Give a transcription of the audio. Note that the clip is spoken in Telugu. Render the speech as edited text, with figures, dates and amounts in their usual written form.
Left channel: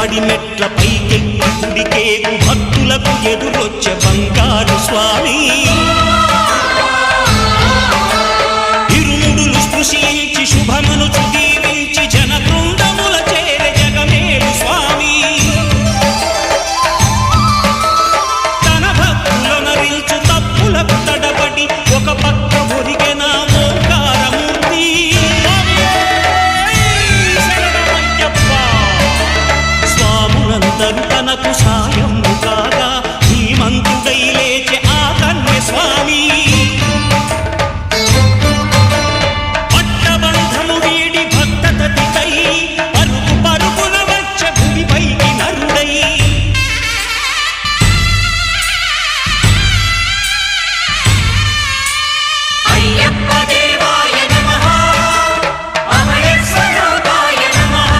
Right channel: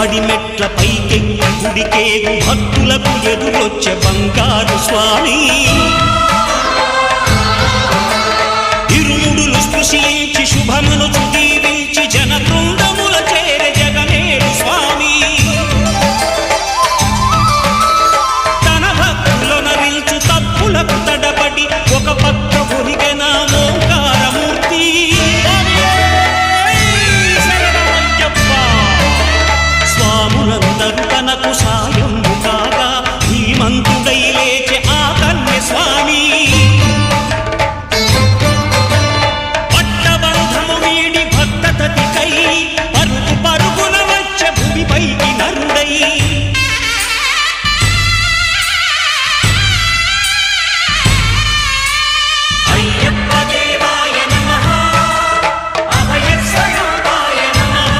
పడిమెట్ల పైకెక్కి గుడికేగు భక్తులకు ఎదురొచ్చే బంగారు స్వామి ఇరుముడులు స్పృశించి శుభమును చుదీవించి జన బృందముల చేరే జగమేలు స్వామి తన భక్తులనరిల్చు తప్పులకు తడబడి ఒక పక్క ఒరిగెన ఓంకారమూర్తి స్వాములందరూ తనకు సాయము కాగా ధీమంతుడై లేచే ఆ కన్య స్వామి పట్టబంధము వీడి భక్తతతికై